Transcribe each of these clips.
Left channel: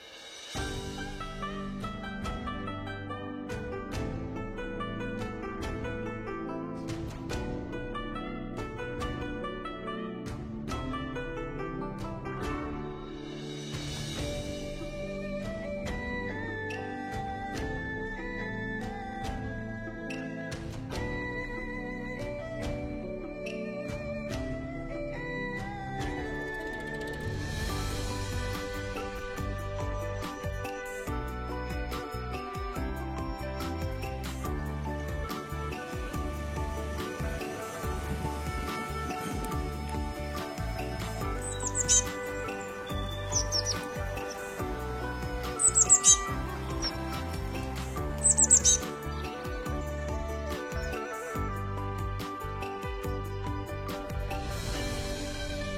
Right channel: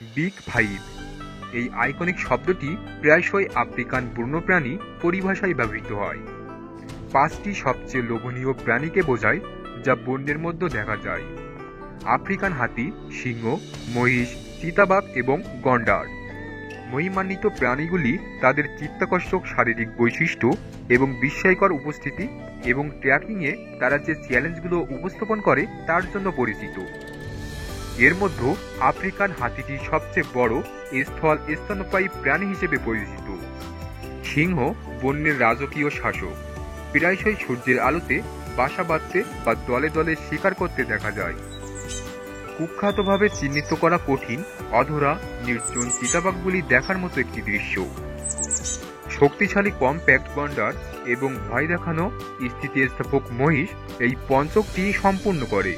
Big five এই iconic শব্দটি প্রায়শই আফ্রিকান বন্যপ্রাণী পরিভাষায় ব্যবহৃত হয়। পাঁচটি সবচেয়ে লোভনীয় প্রাণীকে বোঝায় যা বন্যের মধ্যে দেখা যায়: আফ্রিকান হাতি, সিংহ, মহিষ, চিতাবাঘ এবং গন্ডার। মহিমান্বিত প্রাণীগুলি তাদের চিত্তাকর্ষক শারীরিক বৈশিষ্ট্য এবং বিস্ময়কর উপস্থিতি এবং ট্র্যাকিংয়ে তারা যে চ্যালেঞ্জগুলো উপস্থাপন করে তার জন্য পরিচিত। এর মধ্যে আফ্রিকান হাতিটি সবচেয়ে বড় স্তন্যপায়ী প্রাণী হিসেবে পরিচিত। সিংহ বন্যের রাজকীয় শাসক, প্রায়শই সূর্যের আলোতে বাসা বাঁধতে বা দলে দলে শিকার করতে দেখা যায়। কুখ্যাতভাবে চিহ্নিত করা কঠিন, অধরা, নির্জন চিতাবাঘগুলি দেখার মতো একটি দৃশ্য। শক্তিশালী কম্প্যাক্ট গন্ডার এবং ভয় দেখানো স্থিতিস্থাপক মহিষ এই পঞ্চকটি সম্পূর্ণ করে।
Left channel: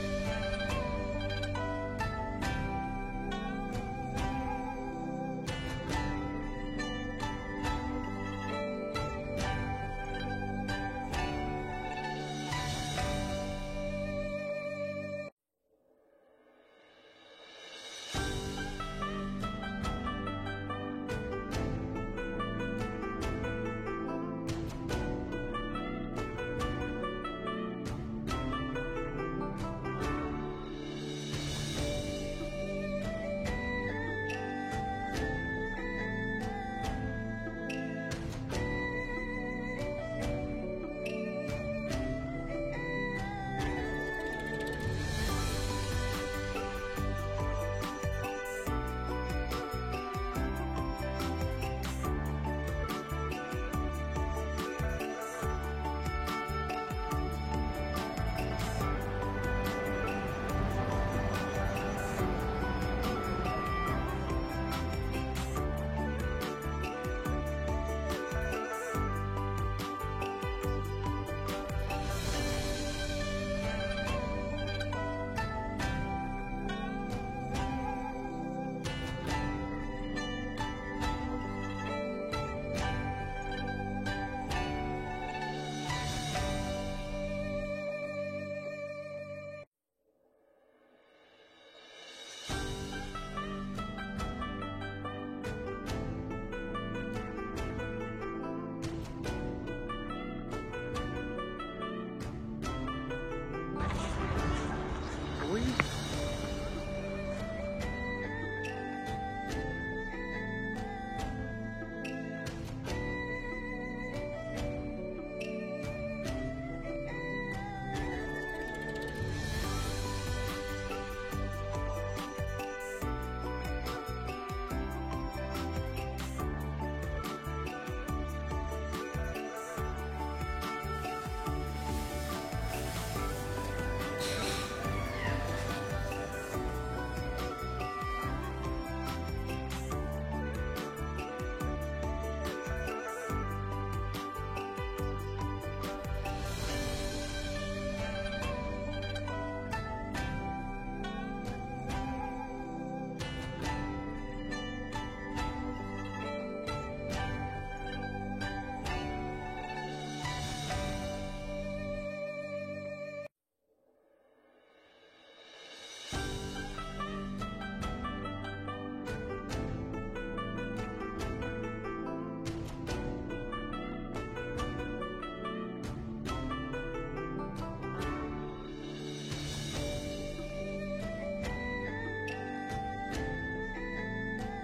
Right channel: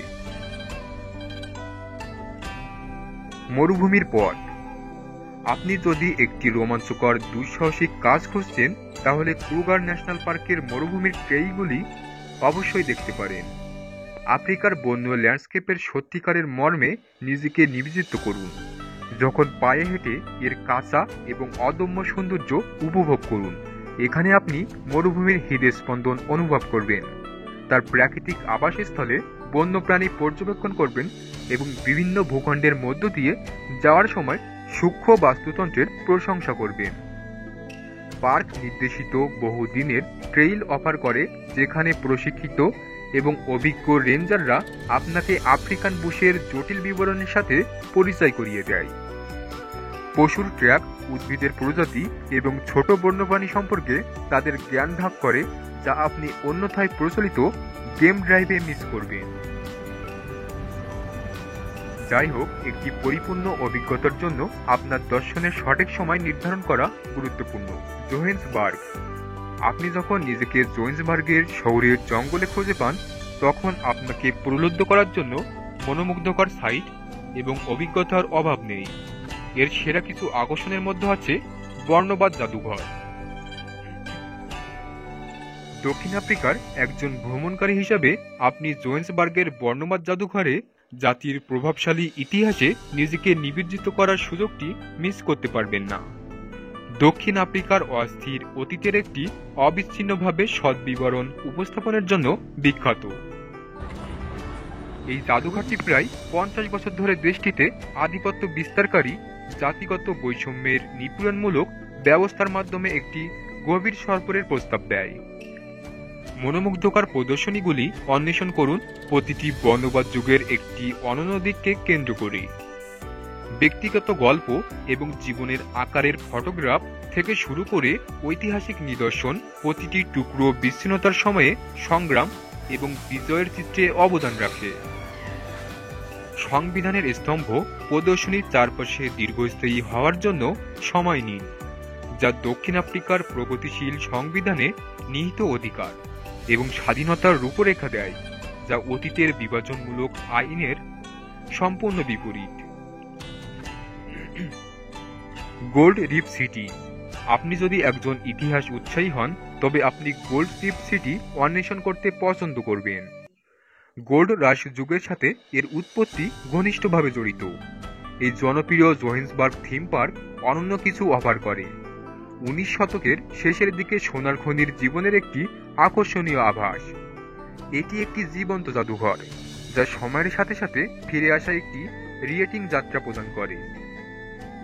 মরুভূমির পথ। আপনি যদি একটি রোমাঞ্চকর দুঃসাহসিক কাজ খুঁজছেন তাহলে ক্রুগার ন্যাশনাল পার্কের মরুভূমির ট্রেইলগুলি অবশ্যই দেখতে পারেন। আফ্রিকার বন্য ল্যান্ডস্কেপের সত্যিকারের মর্মে নিজেকে নিবেদিত করুন। যখন পায়ে হেঁটে এর কাঁচা এবং অদম্য সৌন্দর্য উপভোগ করুন। এখানে আপনি মরুভূমির হৃদস্পন্দন অনুভব করবেন, তার প্রাকৃতিক আবাসস্থলে বন্যপ্রাণী পর্যবেক্ষণ করবেন এবং বিভিন্ন ভূখণ্ডের মধ্য দিয়ে যাওয়ার সময় সূক্ষ্ম বাস্তুতন্ত্রের প্রশংসা করবেন। পার্ক নির্দেশিত বহুদিনের ট্রেইল অফার করে, যেখানে প্রশিক্ষিত এবং অভিজ্ঞ রেঞ্জাররা আপনাকে আফ্রিকান বুশের জটিল বিবরণের সাথে পরিচয় করিয়ে দেয়। পশুর ট্র্যাক, উদ্ভিদের প্রজাতি এবং ছোট বন্যপ্রাণী সম্পর্কে তাদের জ্ঞান ভাগ করে, যা আপনি অন্যথায় প্রচলিত গেম ড্রাইভে মিস করবেন। যাই হোক, একটি পরিপূর্ণ অভিজ্ঞতার জন্য আপনার দর্শনের সঠিক সময় নির্ধারণ করা গুরুত্বপূর্ণ। জোহেন্সবার্গ। আপনি যখন নিজেকে জোহেন্সবার্গের শহরের জঙ্গলে খুঁজে পান, তখন আপনাকে প্রলুব্ধ করার জন্য মনোমুগ্ধকর সাইট এবং অভিজ্ঞতার অভাব নেই। এর সেরা কিছু আকর্ষণের মধ্যে আছে বর্ণবাদ জাদুঘর। দক্ষিণ আফ্রিকার একজন ভ্রমণকারী হিসাবে আপনি জোহেন্সবার্গের বর্ণবাদ জাদুঘরে জাতির প্রভাবশালী ইতিহাসে নিজেকে নিবেদিত করার সুযোগটি মিস করতে পারবেন না। দক্ষিণ আফ্রিকার অস্থির অতীতের একটি অবিচ্ছিন্নভাবে সৎ বিবরণ উপস্থাপনের জন্য বিখ্যাত। এই জাদুঘরটি প্রায় 50 বছর ধরে দেশটিতে আধিপত্য বিস্তারকারী জাতিগত বৈষম্যের নিপীড়নমূলক ব্যবস্থার মাধ্যমে একটি গভীর সরপরের প্রস্তাব দেয়। মনোমুগ্ধকর প্রদর্শনীগুলি অন্বেষণ করুন, প্রতিটি বর্ণবাদ যুগের একটি অনন্য দিককে কেন্দ্র করে। ব্যক্তিগত গল্প এবং জীবনের আকারের ফটোগ্রাফ থেকে শুরু করে ঐতিহাসিক নিদর্শন, প্রতিটি টুকরো বিচ্ছিন্নতার সময়ে সংগ্রাম এবং বিজয়ের চিত্রে অবদান রাখে। সংবিধানের স্তম্ভ প্রদর্শনীর চারপাশে দীর্ঘস্থায়ী হওয়ার জন্য সময় নিন, যা দক্ষিণ আফ্রিকার প্রগতিশীল সংবিধানে নিহিত অধিকার এবং স্বাধীনতার রূপরেখা দেয়, যা অতীতের বিভাজনমূলক আইনের সম্পূর্ণ বিপরীত। Gold Reef City. আপনি যদি একজন ইতিহাস উৎসাহী হন, তবে আপনি গোল্ড রিফ সিটি অন্বেষণ করতে পছন্দ করবেন। গোল্ড রাশ যুগের সাথে এর উৎপত্তি ঘনিষ্ঠভাবে জড়িত। এই জনপ্রিয় জোহেন্সবার্গ থিম পার্ক অনন্য কিছু অফার করে। 19 শতকের শেষের দিকে সোনার খনির জীবনের একটি আকর্ষণীয় আভাস। এটি একটি জীবন্ত জাদুঘর, যা সময়ের সাথে সাথে ফিরে আসা একটি রিয়েটিং যাত্রা প্রদান করে।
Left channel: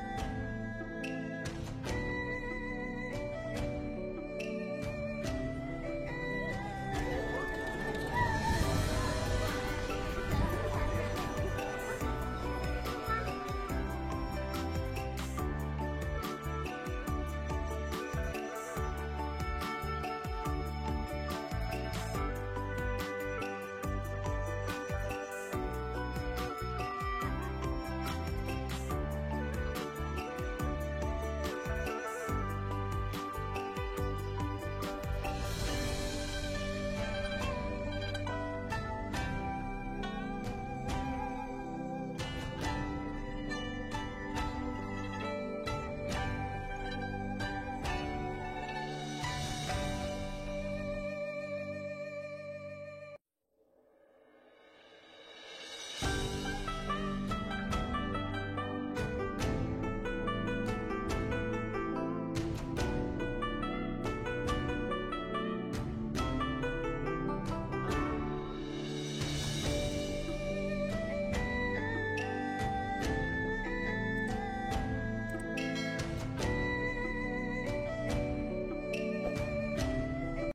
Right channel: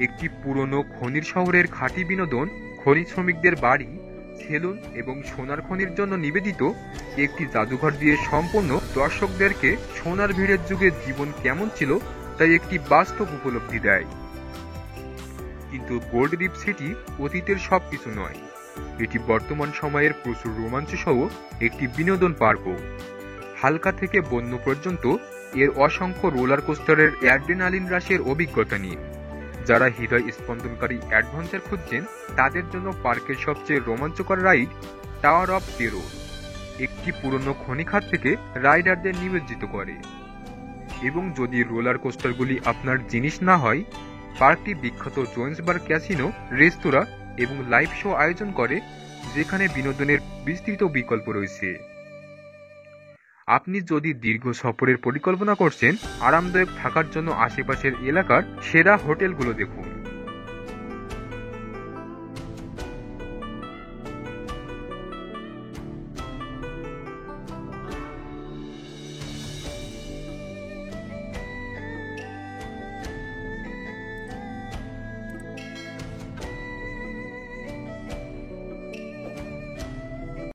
একটি পুরনো খনির শহরের খাঁটি বিনোদন, খনি শ্রমিকদের বাড়ি, সেলুন এবং সোনার খনির জন্য নিবেদিত একটি জাদুঘর দিয়ে সম্পূর্ণ দর্শকদেরকে সোনার ভিড়ের যুগে জীবন কেমন ছিল তাই একটি বাস্তব উপলব্ধি দেয়। কিন্তু গোল্ড রিফ সিটি অতীতের সবকিছু নয়, এটি বর্তমান সময়ের প্রচুর রোমাঞ্চ সহ একটি বিনোদন পার্কও। হালকা থেকে বন্য পর্যন্ত এর অসংখ্য রোলার কোস্টারের অ্যাড্রেনালিন রাশের অভিজ্ঞতা নিয়ে যারা হৃদয় স্পন্দনকারী অ্যাডভেঞ্চার খুঁজছেন তাদের জন্য পার্কের সবচেয়ে রোমাঞ্চকর রাইড টাওয়ার অফ টেরর একটি পুরনো খনিখাত থেকে রাইডারদের নিমজ্জিত করে। এবং যদি রোলার কোস্টারগুলি আপনার জিনিস না হয়, পার্কটি বিখ্যাত জোহেন্সবার্গ ক্যাসিনো, রেস্তোরাঁ এবং লাইভ শো আয়োজন করে, যেখানে বিনোদনের বিস্তৃত বিকল্প রয়েছে। আপনি যদি দীর্ঘ সফরের পরিকল্পনা করছেন, আরামদায়ক থাকার জন্য আশেপাশের এলাকার সেরা হোটেলগুলো দেখুন।